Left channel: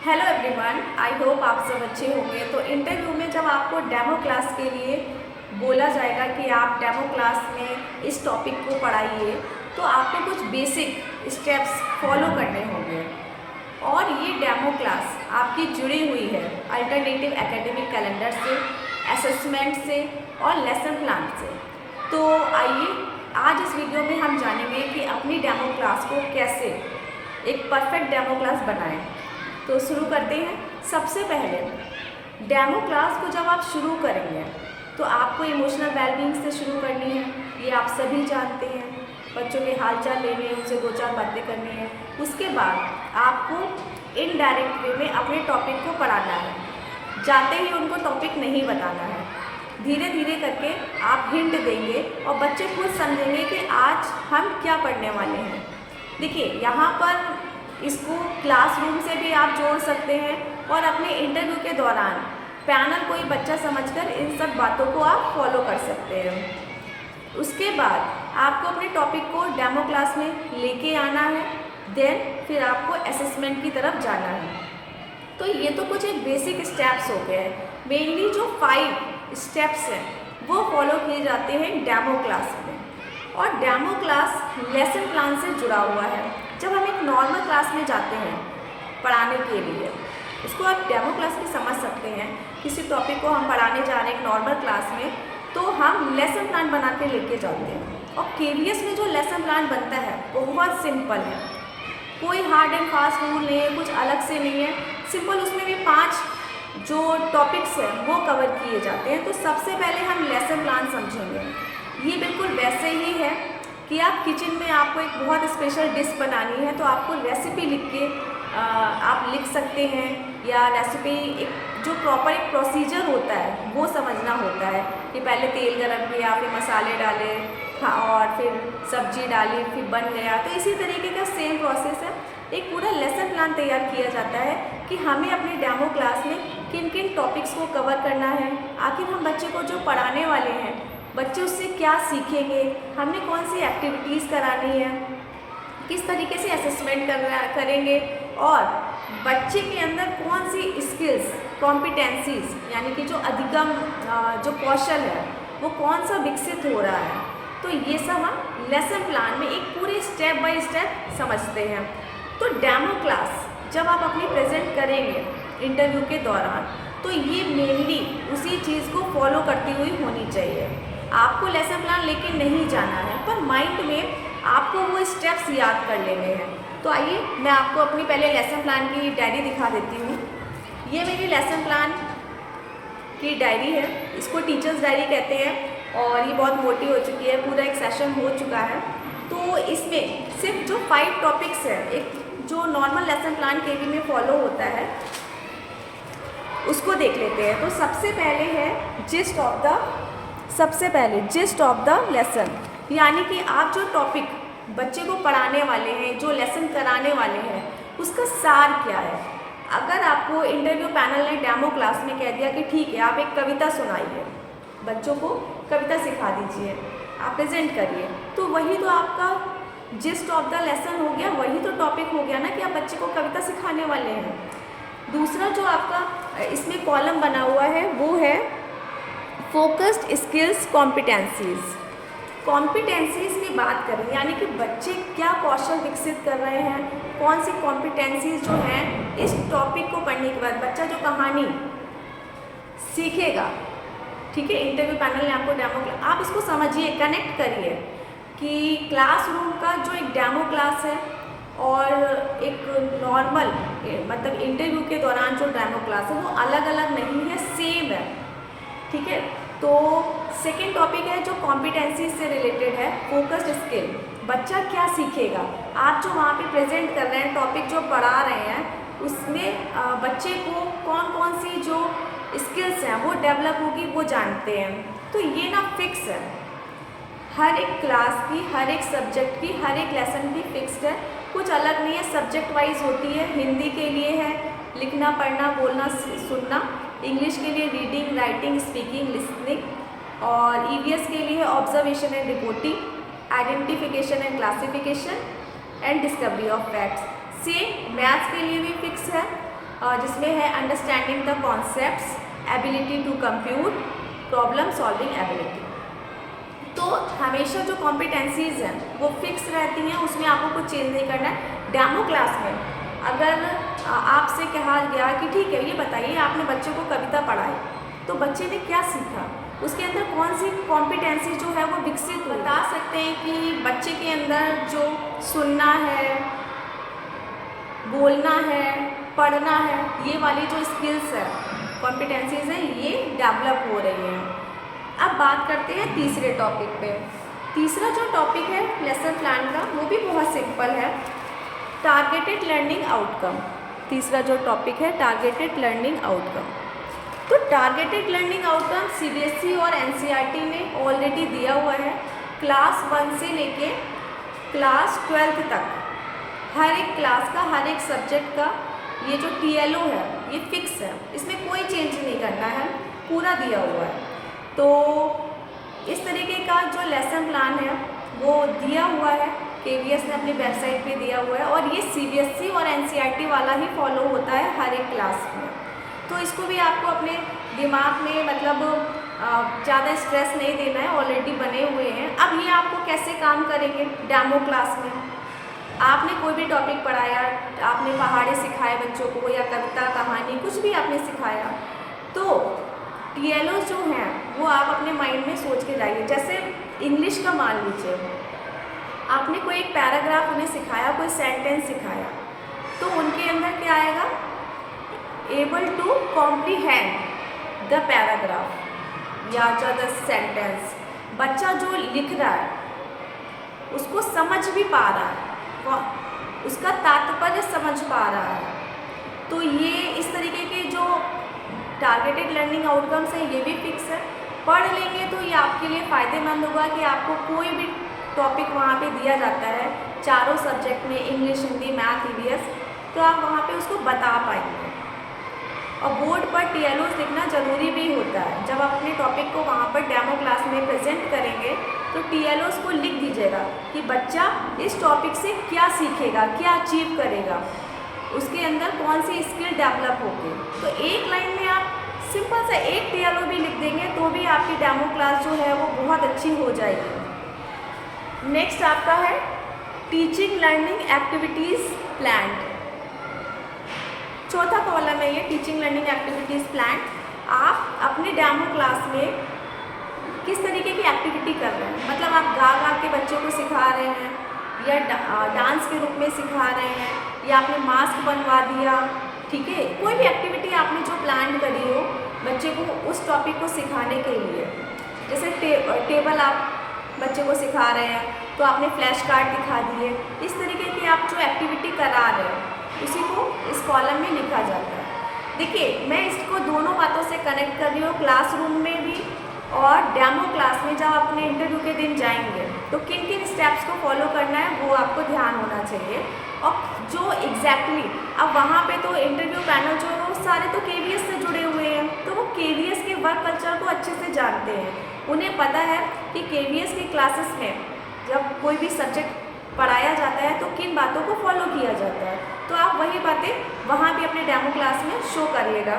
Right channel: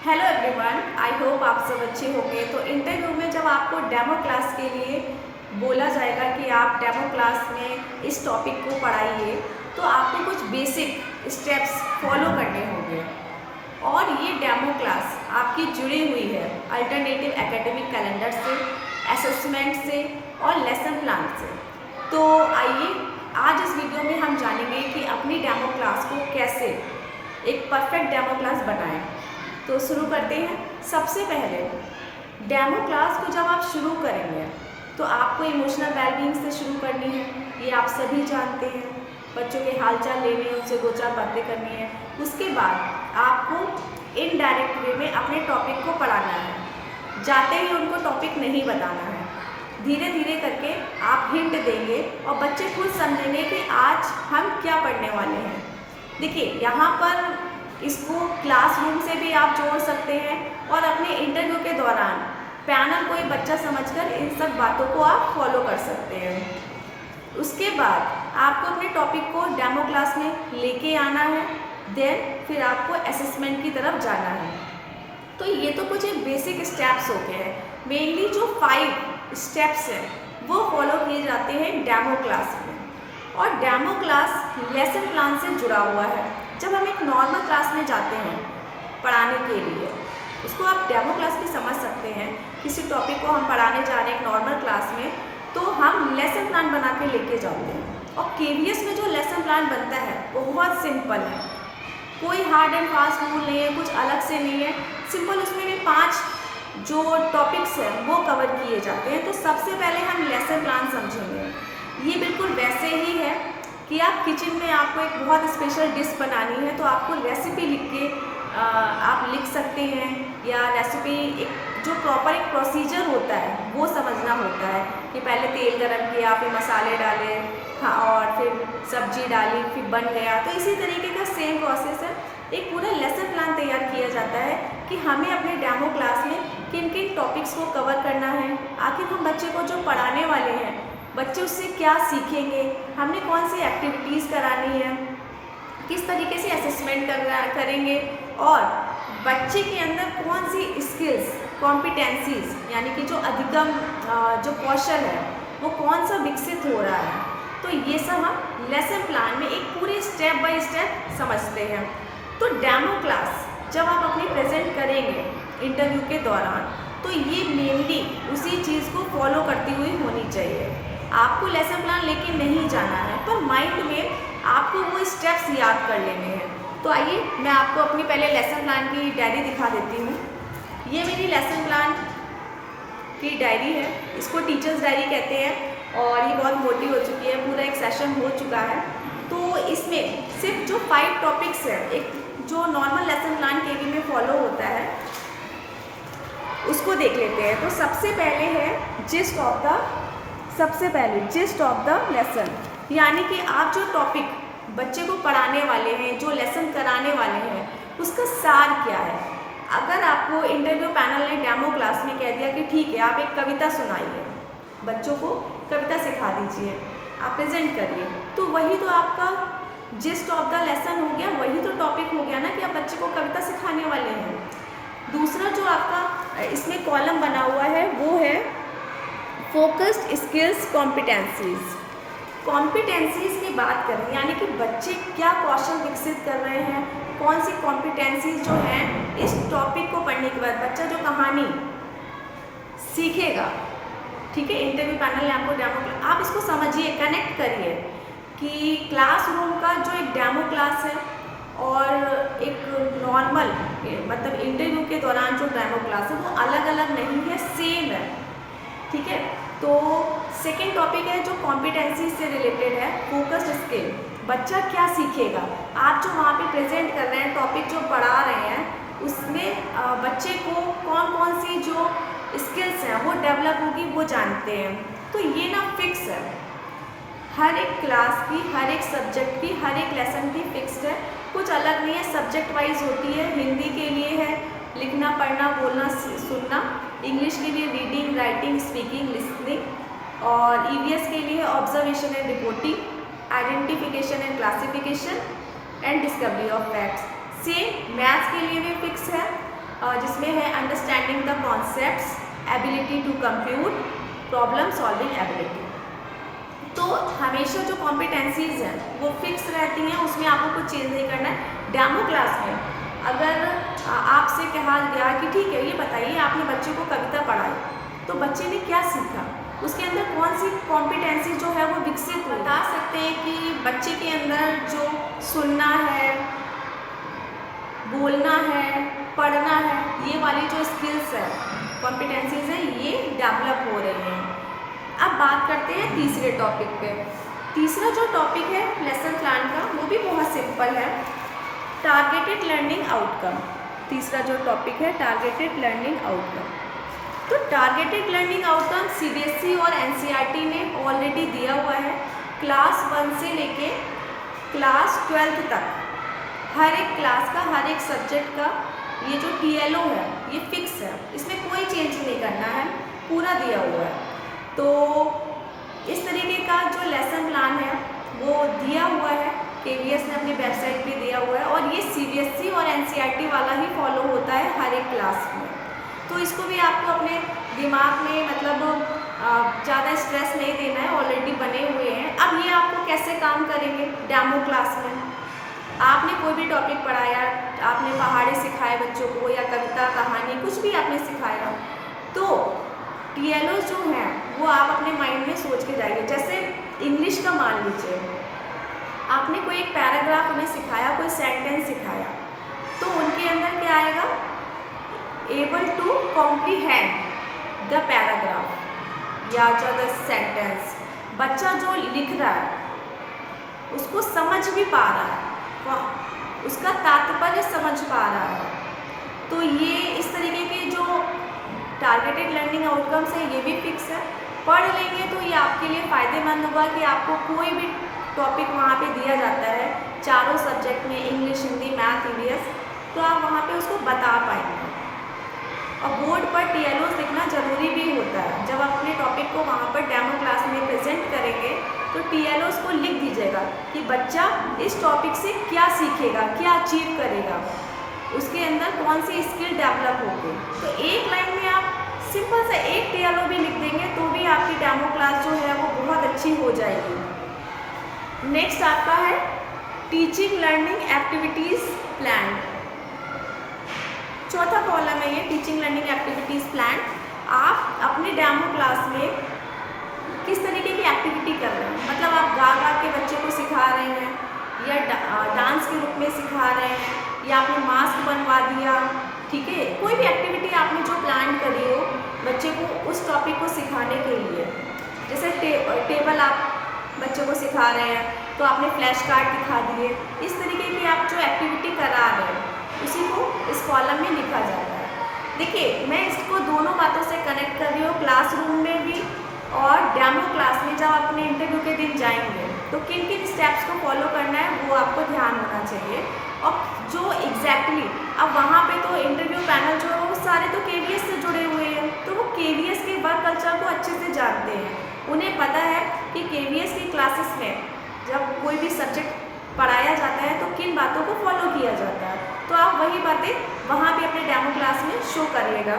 Hello everyone, I hope आप सब अच्छे होंगे। तो इंटरव्यू में जब आपको डेमो क्लास के लिए बोला जाएगा कि आप डेमो क्लास में इस टॉपिक को पढ़ाइए, तो आपको कुछ बेसिक स्टेप्स फॉलो करने होंगे। और ये डेमो क्लास आपकी जुड़ी हुई है अल्टरनेटिव एकेडमिक कैलेंडर से, असेसमेंट से और लेसन प्लान से। तो आइए आज इस वीडियो में हम जानेंगे कि अपनी डेमो क्लास को कैसे एक परफेक्ट डेमो क्लास बनाएं। तो शुरू करते हैं। सबसे पहले डेमो क्लास को जब आप शुरू करेंगे तो आपको इमोशनल वेलबींग से शुरू करनी है। ये आप सभी जानते हैं। बच्चों के हालचाल लेने हैं, उनसे दो चार बातें करनी है। उसके बाद आपको इनडायरेक्ट वे में अपने टॉपिक को पढ़ाना है। जाते ही उनको टॉपिक नहीं बताना है। धीरे धीरे करके आप हिंट देंगे और बच्चे खुद समझेंगे कि आज हम क्या पढ़ने वाले हैं। देखिए, यहाँ पर इसको क्लासरूम से भी आप जोड़ सकते हैं और अपने इंटरव्यू के दौरान पैनल को एक बच्चा समझकर इन सब बातों को आप फॉलो कर सकते हैं। उसके बाद आपको अपने टॉपिक को डेमो क्लास में लेके आना है। देन फिर आपको असेसमेंट की तरफ जाना है। तो ये तो कुछ एक बेसिक स्टेप्स हो गए हैं। मेनली जो 5 स्टेप्स हैं वो फॉलो किए जाते हैं डेमो क्लास में। और डेमो क्लास लेसन प्लान से जुड़ा हुआ है। जब हम एक नॉर्मल क्लास में जाते हैं पढ़ाने के लिए, उसको आप डेमो क्लास में समझ सकते हैं। किसी टॉपिक को हम पढ़ाने जा रहे हैं एक नॉर्मल क्लास में, तो हम लेसन प्लान बना के लेके जाते हैं। और केवीएस में जो लेसन प्लान बनता है बहुत सिंपल है। कोई हार्ड एंड फास्ट रूल नहीं है, कुछ अलग से नहीं है। सिंपल उसमें भी 5 जो टॉपिक्स हैं वो कवर किए जाते हैं। तो सबसे पहले हम लेसन प्लान समझेंगे। ये बिल्कुल वैसे ही है कि आप किचन में आपको एक बहुत स्पेशल डिश बनानी है, तो आपको रेसिपी लिख के आप लिख सकते हैं। या रेसिपी जो प्रॉपर एक प्रोसीजर होता है वो समझना होता है कि पहले तेल गरम किया, फिर मसाले डाले, हाँ, और फिर सब्जी डाली, फिर बन गया। तो इसी तरीके का सेम प्रोसेस है। एक पूरा लेसन प्लान तैयार किया जाता है कि हमें अपने डेमो क्लास में किन किन टॉपिक्स को कवर करना है। आखिर हम बच्चे को जो पढ़ाने वाले हैं, बच्चे उससे क्या सीखेंगे, हमने कौन सी एक्टिविटीज़ करानी है, किस तरीके से असेसमेंट करेंगे, और बच्चे के अंदर कौन सी स्किल्स, कॉम्पिटेंसीज यानी कि जो अधिगम जो कौशल है वो कौन सा विकसित हो रहा है। तो ये सब हम लेसन प्लान में एक पूरे स्टेप बाय स्टेप समझते हैं। तो डेमो क्लास जब आप अपनी प्रेजेंट करेंगे इंटरव्यू के दौरान, तो ये मेनली उसी चीज़ को फॉलो करती हुई होनी चाहिए। आपको लेसन प्लान लेके नहीं जाना है, पर माइंड में आपको वो स्टेप्स याद कर लेने हैं। तो आइए मैं आपको अपनी पहले लेसन प्लान की डायरी दिखा देती हूँ। ये मेरी लेसन प्लान की डायरी है। इसको टीचर्स डायरी कहते हैं और ये बहुत मोटी हो चुकी है, पूरा एक सेशन हो चुका है। तो इसमें सिर्फ जो 5 टॉपिक्स है, एक जो नॉर्मल लेसन प्लान केवी में फॉलो होता है, उसको देख लेते हैं। तो सबसे पहले है जिस्ट ऑफ द लेसन, यानी कि आप जो टॉपिक बच्चे को पढ़ाने वाले हैं, जो लेसन कराने वाले हैं, उसका सार क्या है। अगर आपको इंटरव्यू पैनल ने डेमो क्लास में कह दिया कि ठीक है, आप एक कविता सुनाइए, बच्चों को कविता सिखा दीजिए, आप प्रेजेंट करिए, तो वही तो आपका जिस्ट ऑफ द लेसन हो गया, वही तो टॉपिक हो गया ना कि आप बच्चे को कविता सिखाने वाले हैं। दूसरा जो आपका इसमें कॉलम बना हुआ है वो है फोकस्ड स्किल्स कॉम्पिटेंसीज। कॉम्पिटेंसीज की बात करें, यानी कि बच्चे क्या कौशल विकसित कर रहे हैं, कौन सी कॉम्पिटेंसीज जो हैं इस टॉपिक को पढ़ने के बाद बच्चा जो कहानी सीखेगा। ठीक है, इंटरव्यू पैनल ने आपको डेमो, आप इसको समझिए, कनेक्ट करिए कि क्लासरूम का जो एक डेमो क्लास है और एक नॉर्मल मतलब इंटरव्यू के दौरान जो डेमो क्लास है वो अलग अलग नहीं है, सेम है। ठीक है, तो सेकेंड टॉपिक है जो कॉम्पिटेंसी से रिलेटेड है, फोकस्ड स्किल। बच्चा क्या सीखेगा, आप जो वहाँ पे प्रेजेंट कर रहे हैं, टॉपिक जो पढ़ा रहे हैं, उसमें बच्चे को कौन कौन सी जो स्किल्स हैं वो डेवलप होगी वो जानते हैं। तो ये ना फिक्स है, हर एक क्लास की, हर एक सब्जेक्ट की, हर एक लेसन की फिक्स्ड है, कुछ अलग नहीं है। सब्जेक्ट वाइज होती है। हिंदी के लिए है लिखना, पढ़ना, बोलना, सुनना। इंग्लिश के लिए रीडिंग, राइटिंग, स्पीकिंग, लिसनिंग। और ईवीएस के लिए observation and reporting, identification and classification and discovery of facts. Same maths के लिए भी फिक्स है। जिसमें है understanding the concepts, ability to compute, problem solving ability. तो हमेशा जो कॉम्पिटेंसीज़ हैं वो फिक्स रहती हैं, उसमें आपको कुछ चेंज नहीं करना है। डेमो क्लास में अगर आपसे कहा गया कि ठीक है ये बताइए आपने बच्चों को कविता पढ़ाई तो बच्चे ने क्या सीखा, उसके अंदर कौन सी कॉम्पिटेंसी जो है वो विकसित बता सकते हैं कि बच्चे के अंदर जो सुनना है, बोलना है, पढ़ना है, ये वाली जो स्किल्स है, कॉम्पिटेंसीज हैं, ये डेवलप हो रही हैं। अब बात करते हैं तीसरे टॉपिक पे। तीसरा जो टॉपिक है लेसन प्लान का वो भी बहुत सिंपल है, टारगेटेड लर्निंग आउटकम। तीसरा जो टॉपिक है टारगेटेड लर्निंग आउटकम। तो टारगेटेड लर्निंग आउटकम सीबीएसई और एनसीईआरटी ने ऑलरेडी दिया हुआ है। क्लास 1 से लेके क्लास 12 तक हर एक क्लास का, हर एक सब्जेक्ट का ये जो TLO है ये फिक्स है, इसमें कोई चेंज नहीं करना है, पूरा दिया हुआ है। तो इस तरीके का जो लेसन प्लान है वो दिया हुआ है, KVS ने अपनी वेबसाइट पे दिया हुआ है, और ये CBSE और NCERT वाला ही फॉलो होता है हर एक क्लास में। तो इसको भी आपको अपने दिमाग में मतलब ज़्यादा स्ट्रेस नहीं देना है, ऑलरेडी बने हुए हैं। अब ये आपको कैसे काम करेंगे डेमो क्लास में, आपने कोई भी टॉपिक पढ़ाया, आपने पहाड़ी सिखाए बच्चों को या कविता, कहानी, कुछ भी आपने सिखाया, तो TLO जो हैं वो आप अपने माइंड में सोच के जाइए। जैसे इंग्लिश का मान लीजिए, आपने कोई एक पैराग्राफ उन्हें सिखाया, कोई सेंटेंस सिखाया, तो उनके अंदर क्या आएगा, able to comprehend the paragraph या जो द सेंटेंस। बच्चा जो लिख रहा है उसको समझ भी पा रहा है, उसका तात्पर्य समझ पा रहा है। तो ये इस तरीके के जो टारगेटेड लर्निंग आउटकम्स है ये भी फिक्स है। पढ़ लेंगे तो ये आपके लिए फ़ायदेमंद होगा कि आपको कोई भी टॉपिक वहाँ पे दिया जाता है, चारों सब्जेक्ट में, इंग्लिश, हिंदी, मैथ, EVS, तो आप वहाँ पे उसको बता पाएंगे। और बोर्ड पर TLOs लिखना ज़रूरी भी होता है। जब आप अपने टॉपिक को वहाँ पर डेमो क्लास में प्रेजेंट करेंगे तो TLOs को लिख दीजिएगा कि बच्चा इस टॉपिक से क्या सीखेगा, क्या अचीव करेगा, उसके अंदर कौन सी स्किल डेवलप होगी। तो एक लाइन में आप सिंपल सा एक TLO भी लिख देंगे तो भी आपकी डेमो क्लास जो है वो बहुत अच्छी हो जाएगी। नेक्स्ट आपका है टीचिंग लर्निंग एक्टिविटीज़ प्लान। चौथा कॉलम है ये टीचिंग लर्निंग एक्टिविटीज़ प्लान। आप अपनी डेमो क्लास में किस तरीके की एक्टिविटी कर रहे हैं, मतलब आप गा गा के बच्चों को सिखा रहे हैं या डांस के रूप में सिखा रहे हैं या आपने मास्क बनवा दिया, ठीक है, कोई भी एक्टिविटी आपने जो प्लान करी हो बच्चे को उस टॉपिक को सिखाने के लिए। जैसे टेबल आप बच्चे को सिखा रहे हैं तो आपने फ्लैश कार्ड दिखा दिए। इस तरीके की आप जो एक्टिविटी करा रहे हैं उसी को इस कॉलम में लिखा जाता है। देखिए मैं इसको दोनों बातों से कनेक्ट कर रही हूँ, क्लासरूम में भी और डेमो क्लास में। जब अपने इंटरव्यू के दिन जाएंगे तो किन किन स्टेप्स को फॉलो करना है वो आपको ध्यान होना चाहिए। और जो एग्जैक्टली अब वहाँ पे तो इंटरव्यू पैनल जो है वो सारे तो KVS से जुड़े हुए हैं, तो वो KVS के वर्क कल्चर को अच्छे से जानते हैं। उन्हें पता है कि KVS की क्लासेस में जब कोई भी सब्जेक्ट पढ़ाया जाता है तो किन बातों को फॉलो किया जाता है। तो आप वही बातें वहाँ भी अपने डेमो क्लास में शो करिएगा।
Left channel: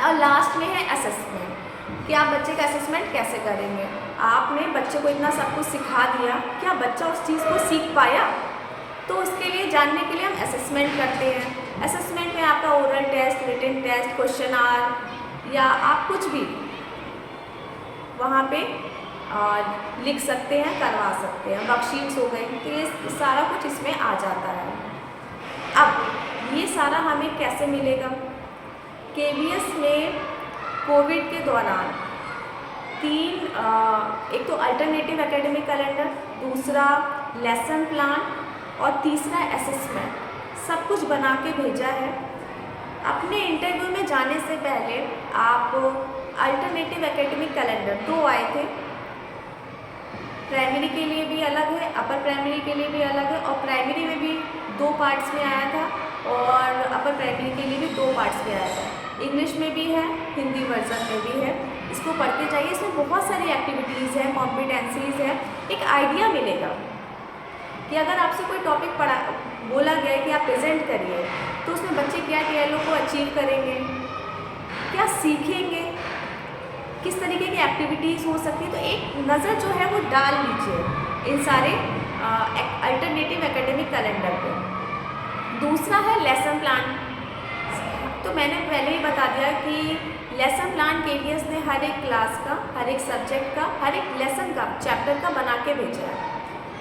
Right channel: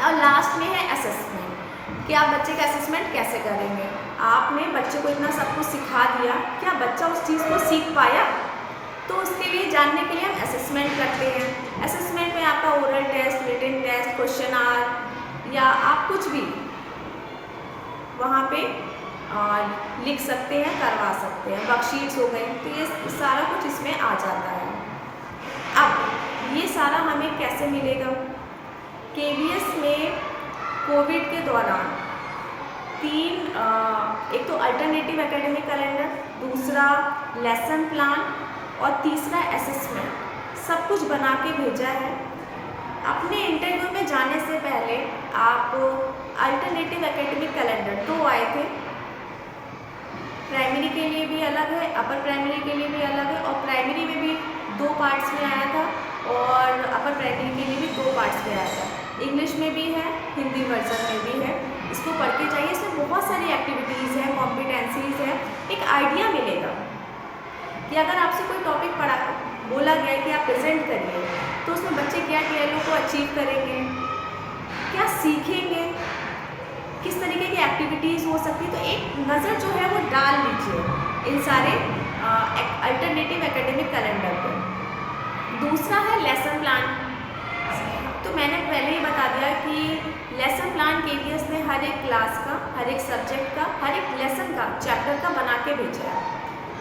और लास्ट में है असेसमेंट, कि आप बच्चे का असेसमेंट कैसे करेंगे। आपने बच्चे को इतना सब कुछ सिखा दिया, क्या बच्चा उस चीज़ को सीख पाया, तो उसके लिए जानने के लिए हम असेसमेंट करते हैं। असेसमेंट में आपका oral test, written test, question आर या आप कुछ भी वहाँ पे लिख सकते हैं, करवा सकते हैं। वर्कशीट्स हो गई, तो ये सारा कुछ इसमें आ जाता है। अब ये सारा हमें कैसे मिलेगा, KVS ने कोविड के दौरान एक तो अल्टरनेटिव एकेडमिक कैलेंडर, दूसरा लेसन प्लान और तीसरा असेसमेंट सब कुछ बना के भेजा है। अपने इंटरव्यू में जाने से पहले आप अल्टरनेटिव एकेडमिक कैलेंडर 2 आए थे, प्राइमरी के लिए भी अलग है, अपर प्राइमरी के लिए भी अलग है, और प्राइमरी में भी 2 पार्ट्स में आया था और अपर प्राइमरी के लिए भी 2 पार्ट्स में आया था। इंग्लिश में भी है, हिंदी वर्जन में भी है। इसको पढ़ के जाइए, इसमें बहुत सारी एक्टिविटीज़ हैं, कॉम्पिटेंसीज़ हैं, एक आइडिया मिलेगा। कि अगर आपसे कोई टॉपिक बोला गया है कि आप प्रेजेंट करिए, तो उसमें बच्चे क्या ट्रेलों को अचीव करेंगे, क्या सीखेंगे, किस तरीके की एक्टिविटीज़ हो सकती है। तो एक नज़र जो है वो डाल लीजिए इन सारे अल्टरनेटिव एकेडमिक कैलेंडर पे। दूसरा है लेसन प्लान। तो मैंने पहले ही बता दिया कि लेसन प्लान केवीएस ने हर एक क्लास का, हर एक सब्जेक्ट का, हर एक लेसन का, चैप्टर का बना के भेजा है,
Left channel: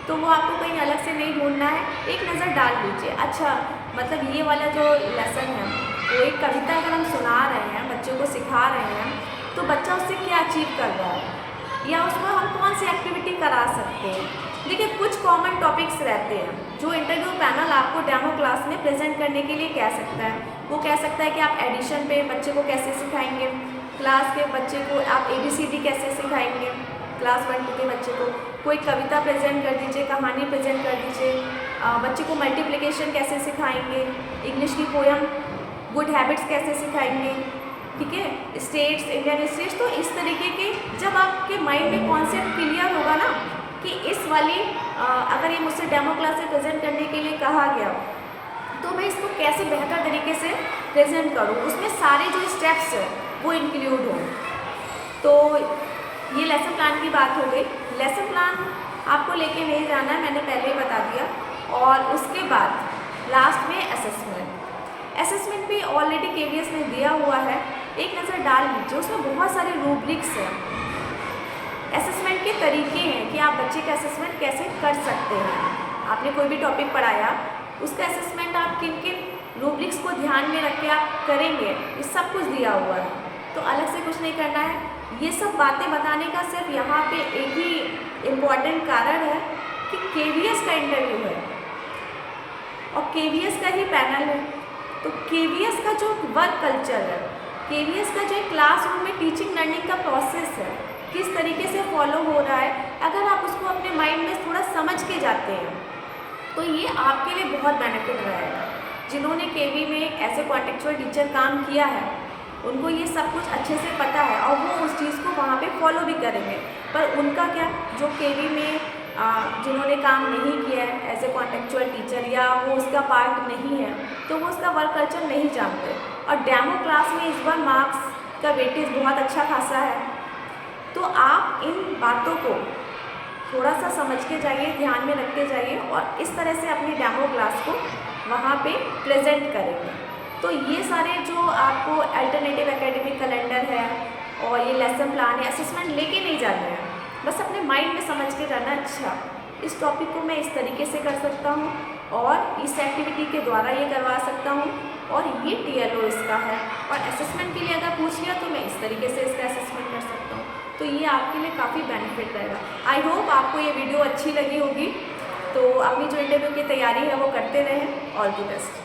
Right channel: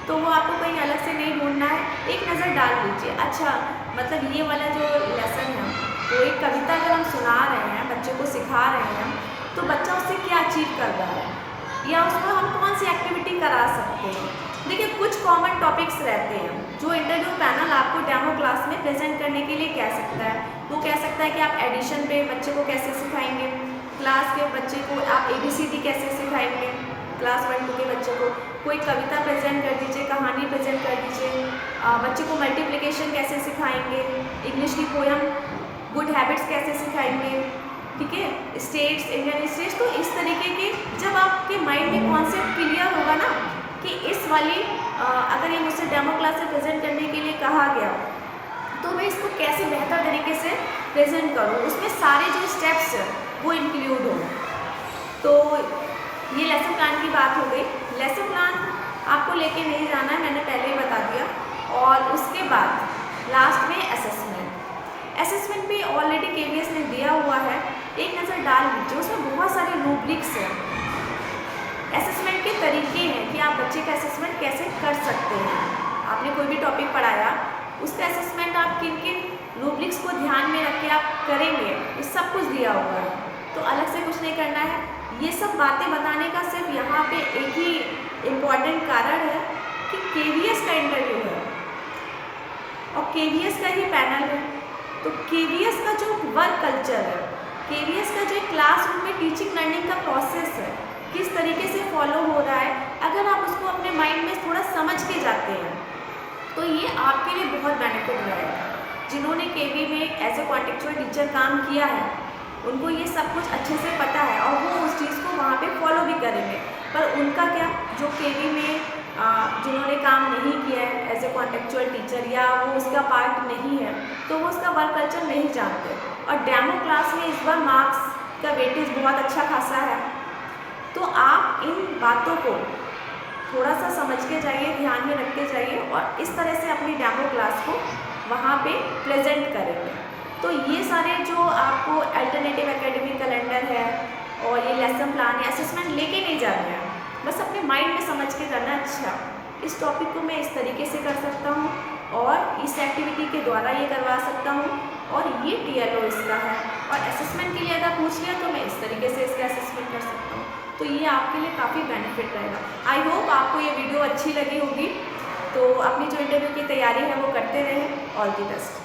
तो वो आपको कहीं अलग से नहीं ढूंढना है, एक नज़र डाल लीजिए। अच्छा, मतलब ये वाला जो लेसन है, वो एक कविता अगर हम सुना रहे हैं, बच्चों को सिखा रहे हैं, तो बच्चा उससे क्या अचीव कर रहा है, या उसमें हम कौन सी एक्टिविटी करा सकते हैं। देखिए, कुछ कॉमन टॉपिक्स रहते हैं जो इंटरव्यू पैनल आपको डेमो क्लास में प्रेजेंट करने के लिए कह सकता है। वो कह सकता है कि आप एडिशन पे बच्चे को कैसे सिखाएंगे, क्लास के बच्चे को आप ABCD कैसे सिखाएंगे, क्लास 1-2 के बच्चे को कोई कविता प्रेजेंट कर दीजिए, कहानी प्रेजेंट कर दीजिए, बच्चे को मल्टीप्लिकेशन कैसे सिखाएंगे, इंग्लिश की पोएम गुड हैबिट्स कैसे सिखाएंगे, ठीक है, स्टेट्स, इंडियन स्टेट्स। तो इस तरीके के जब आपके माइंड में कॉन्सेप्ट क्लियर होगा ना कि इस वाली अगर ये मुझसे डेमो क्लास से प्रेजेंट करने के लिए कहा गया, तो मैं इसको कैसे बेहतर तरीके से प्रेजेंट करूँ, उसमें सारे जो स्टेप्स वो इंक्लूड हों। तो ये लेसन प्लान की बात हो गई। लेसन प्लान आपको लेके नहीं जाना है, मैंने पहले ही बता दिया। और उसके बाद लास्ट में असेसमेंट भी ऑलरेडी केवीएस ने दिया हुआ है, एक नज़र डाल लीजिए। उसमें बहुत सारे रूब्रिक्स हैं, असेसमेंट के तरीके हैं कि आप बच्चे का असेसमेंट कैसे कर सकते हैं। आपने कोई भी टॉपिक पढ़ाया, उसका असेसमेंट आप किन किन रूब्रिक्स को ध्यान में रख के आप करेंगे, ये सब कुछ दिया हुआ है, तो अलग से कुछ नहीं करना है। ये सब बातें बताने का सिर्फ यहाँ पे एक ही इम्पॉर्टेंट कारण है कि केवीएस का इंटरव्यू है और केवीएस का ही पैनल है। तो केवीएस का जो वर्क कल्चर है, केवीएस का जो क्लासरूम में टीचिंग लर्निंग का प्रोसेस है, किस तरीके से फॉलो हो रहा है, अगर आप उसको अपने माइंड में थोड़ा समझ के जाते हैं, तो ये आपके लिए बहुत बेनिफिट रहेगा। जिन्होंने केवी में एज ए कॉन्टेक्चुअल टीचर काम किया है, उनको ये सब कुछ अच्छे से पता है और वो उस चीज़ को वहाँ पे फॉलो भी करेंगे। पर उनका क्या, जो केवी में जिन्होंने काम नहीं किया है एज ए कॉन्टेक्चुअल टीचर, या वो उसका पार्ट नहीं है, तो वो उसका वर्क कल्चर नहीं जानते। और डेमो क्लास में इस बार मार्क्स का वेटेज बहुत अच्छा खासा है, तो आप इन बातों को थोड़ा सा समझ के जाइए, ध्यान में रखते जाइए और इस तरह से अपनी डेमो क्लास को वहाँ पे प्रेजेंट करेंगे। तो ये सारे जो आपको अल्टरनेटिव एकेडमिक कैलेंडर है और ये लेसन प्लान है, असेसमेंट लेके नहीं जाना है, बस अपने माइंड में समझ के करना। अच्छा, इस टॉपिक को मैं इस तरीके से कर सकता हूँ और इस एक्टिविटी के द्वारा ये करवा सकता हूँ और ये TLO इसका है, और असेसमेंट के लिए अगर पूछ लिया तो मैं इस तरीके से इसका असेसमेंट कर सकता हूँ। तो ये आपके लिए काफ़ी बेनिफिट रहेगा। आई होप आपको ये वीडियो अच्छी लगी होगी। तो अपनी जो इंटरव्यू की तैयारी है वो करते रहें। All the best.